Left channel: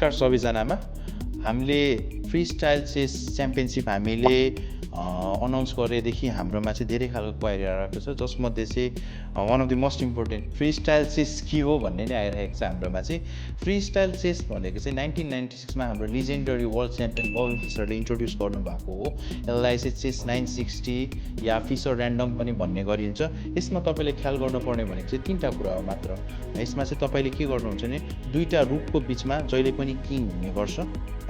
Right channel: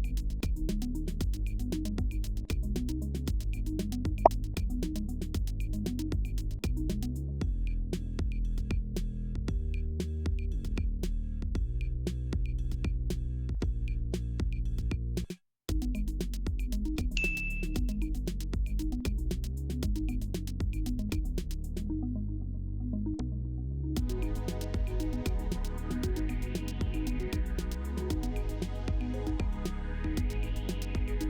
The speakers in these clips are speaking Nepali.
नमस्कार सबैजनामा। हामीले फ्री स्टाइल चेस च्याम्पियनसिप हामीले अनाउन्स गरेदेखि हाम्रोमा चाहिँ धेरै खालको क्वारी आएको छ, जसमध्ये चाहिँ one of the most important free style chess के हो भन्ने नै आइरहेको छ हाम्रोमा चाहिँ। फ्री स्टाइल चेस भनेको चाहिँ 1996मा हाम्रो लिजेन्डरी वर्ल्ड च्याम्पियन बबी फिसरले इन्ट्रोड्युस गर्नुभएको हो। यसलाई चाहिँ चेस 960 या फिसर ऱ्यान्डम पनि भन्ने गरिन्छ। यसमा तपाईँले ख्याल गर्नुपर्ने भनेको चाहिँ तिनवटा कुरा हो मात्र। यसमा चाहिँ तपाईँले के गर्नुहुन्छ भने दुईवटा रुखको बिचमा जहिले पनि किङ हुने गर्छ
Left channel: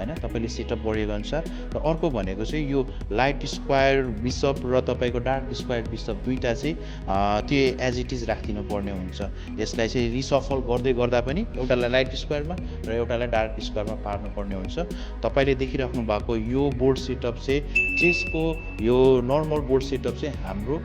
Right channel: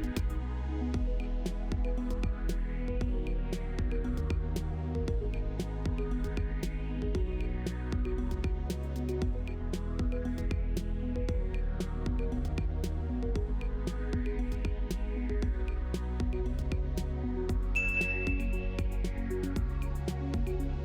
हैन, तपाईँले सेटअप गरेको अनुसार। र अर्को भनेको चाहिँ यो लाइट स्क्वायर बिसप र तपाईँको डार्क स्क्वायर बिसप दुईवटा चाहिँ त्यो एज इट इज राखिदिनु पर्ने हुन्छ। यसलाई चाहिँ रिसफल गर्दै गर्दा पनि एउटालाई लाइट स्क्वायरमा र एउटालाई डार्क स्क्वायरमा पार्नुपर्ने हुन्छ। तपाईँले देखिराख्नु भएको यो बोर्ड सेटअप चाहिँ चेसको यो नर्मल बोर्ड सेटअप चाहिँ हाम्रो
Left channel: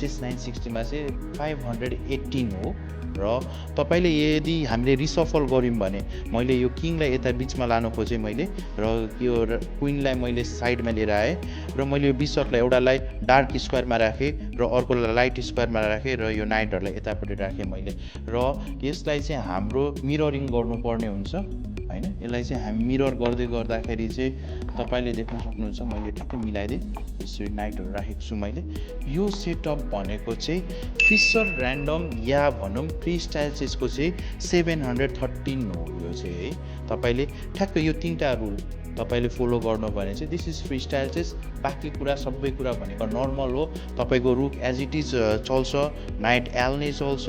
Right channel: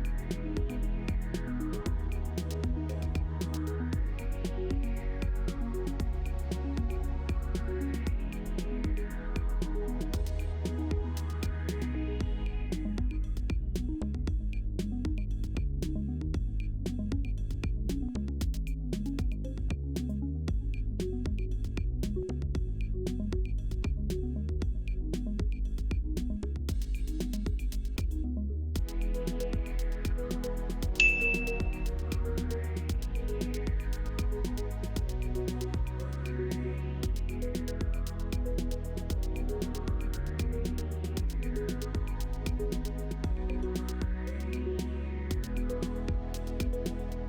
चेस 960मा चाहिँ 518 हो। र तपाईँले यदि हामीले रिसफल गऱ्यौँ भने मैले यो किङलाई यता बिचमा लानु खोजेँ मैले, र यो क्विनलाई मैले साइडमा लिएर आएँ, र मैले यो बिसपलाई एउटालाई डार्क स्क्वायरमा राखेँ र अर्कोलाई लाइट स्क्वायरमा राखेँ, र यो नाइटहरूलाई यतापट्टि राखेँ मैले। र यसलाई चाहिँ हाम्रो मिररिङ गर्नुपर्ने हुन्छ हैन। यसलाई चाहिँ हामी मिरर गर्दै गर्दाखेरि चाहिँ तपाईँले देख्न सक्नुहुन्छ, मैले ठिक्कै मिलाइदिएँ, यसरी नाइटहरू राखेको छु मैले। यो सेटअप भनेको चाहिँ फिसर ऱ्यान्डम या भनौँ फ्री स्टाइल चेसको चाहिँ 713 हो यो चाहिँ है। तपाईँले ठ्याक्क यो तिनवटा रुल तपाईँले फलो गर्नु भने चाहिँ this is free style chess. बाँकी कुरा सबै कुरा भनेको नर्मल हो। तपाईँको रुक एज इट इज चल्छ, नाइट एल नै चल्छ,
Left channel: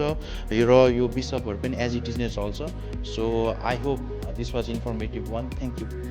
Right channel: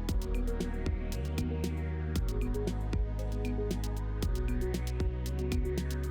र यो बिसपहरू पनि एज इट इज नै चल्छ। So I hope this was informative one. Thank you.